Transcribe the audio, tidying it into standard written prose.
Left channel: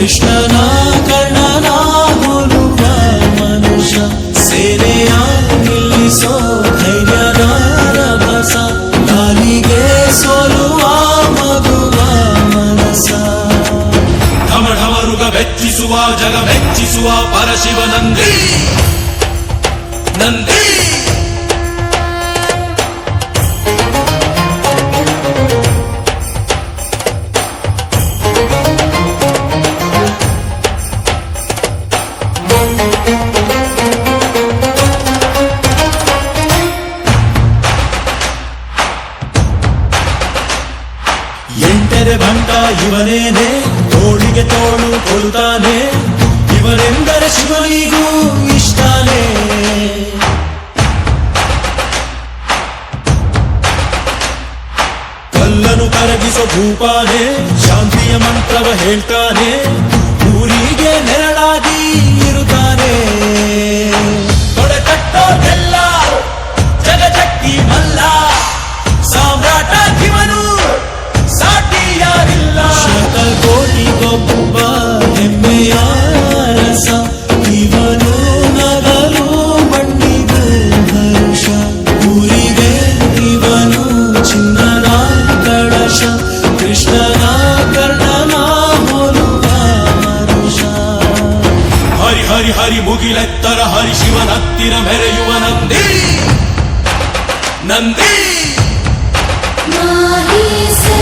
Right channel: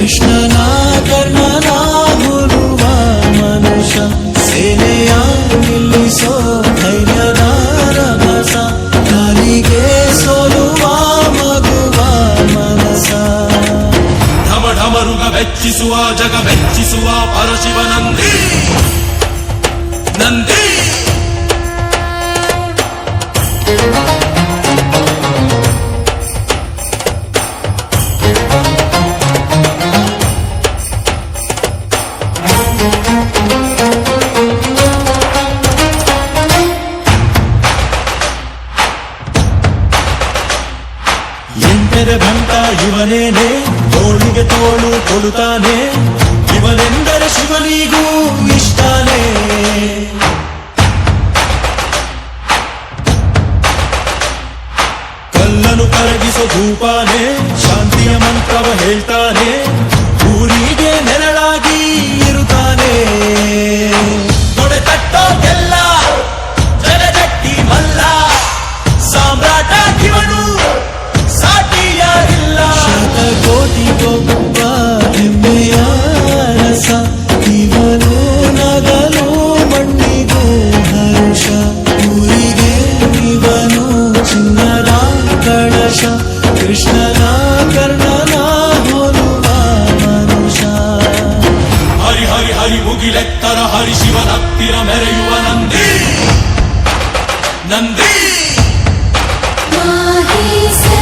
ಕೃಷ್ಣನ ಕರ್ಣನ ಹೋಲುವ ಮನುಷ್ಯ ಸೇನೆಯ ನಿಲ್ಲಿಸೋ ಧೈರ್ಯದ ರಭಸ ಕಾಲಿಗೆ ಸೋಲುವ ಮಗುವ ಮನಸ ಢಮ ಢಮರುಗ ಮೆಚ್ಚಿಸುವ ಜಗ ಮೆಚ್ಚಿಸುವ ಪರಶಿವ ನಂದಿ ನಂದಿ ಎಂಟರೆ ಭಂಟ ಇವನೇನೆ ತೋಳಿಗೆ ತೋಳು ಕೊಲುತ್ತಾನೆ ಇವನೆಂದರೆ ಶಿವನಿಗೂ ಇಷ್ಟಾನೆ ಕಲ್ಲನು ಕರಗಿಸೋ ಭೂಪಾನೆ ಶಾಂತಿಯ ಮಂತ್ರವ ಹೇಳ್ತಾನೆ ಊರಿಗೆ ನೆರಳಾಗಿ ಇರುತ್ತಾನೆ ತೊಡೆತಟ್ಟೋದೆಲ್ಲ ಜಗಜಟ್ಟಿ ಮಲ್ಲ ಸಾಮ್ರಾಟ ಇವನು ಸಾಟಿಯಾರಿಲ್ಲ ಶತಕೋಟಿಗೊಬ್ಬ ಹೆಮ್ಮೆಯ ರಸ ಇವನು ನಗಲು ಮಣ್ಣಿಗೂ ಹರುಷ ಊರಿಗೆ ಇವನು ಚಿನ್ನರ ಕಳಶ ಕೃಷ್ಣನ ಕರ್ಣನ ಹೋಲುವ ಮನುಷ್ಯ ಹರಿ ಹರಿ ಹರಿ ಮುಗಿಲೆತ್ತರ ಹರಿ ಶಿವನತ್ತಿರ ಮೆರೆಯುವ ನಂದಿ ನಂದಿ ಮಾಹಿ ಸೇ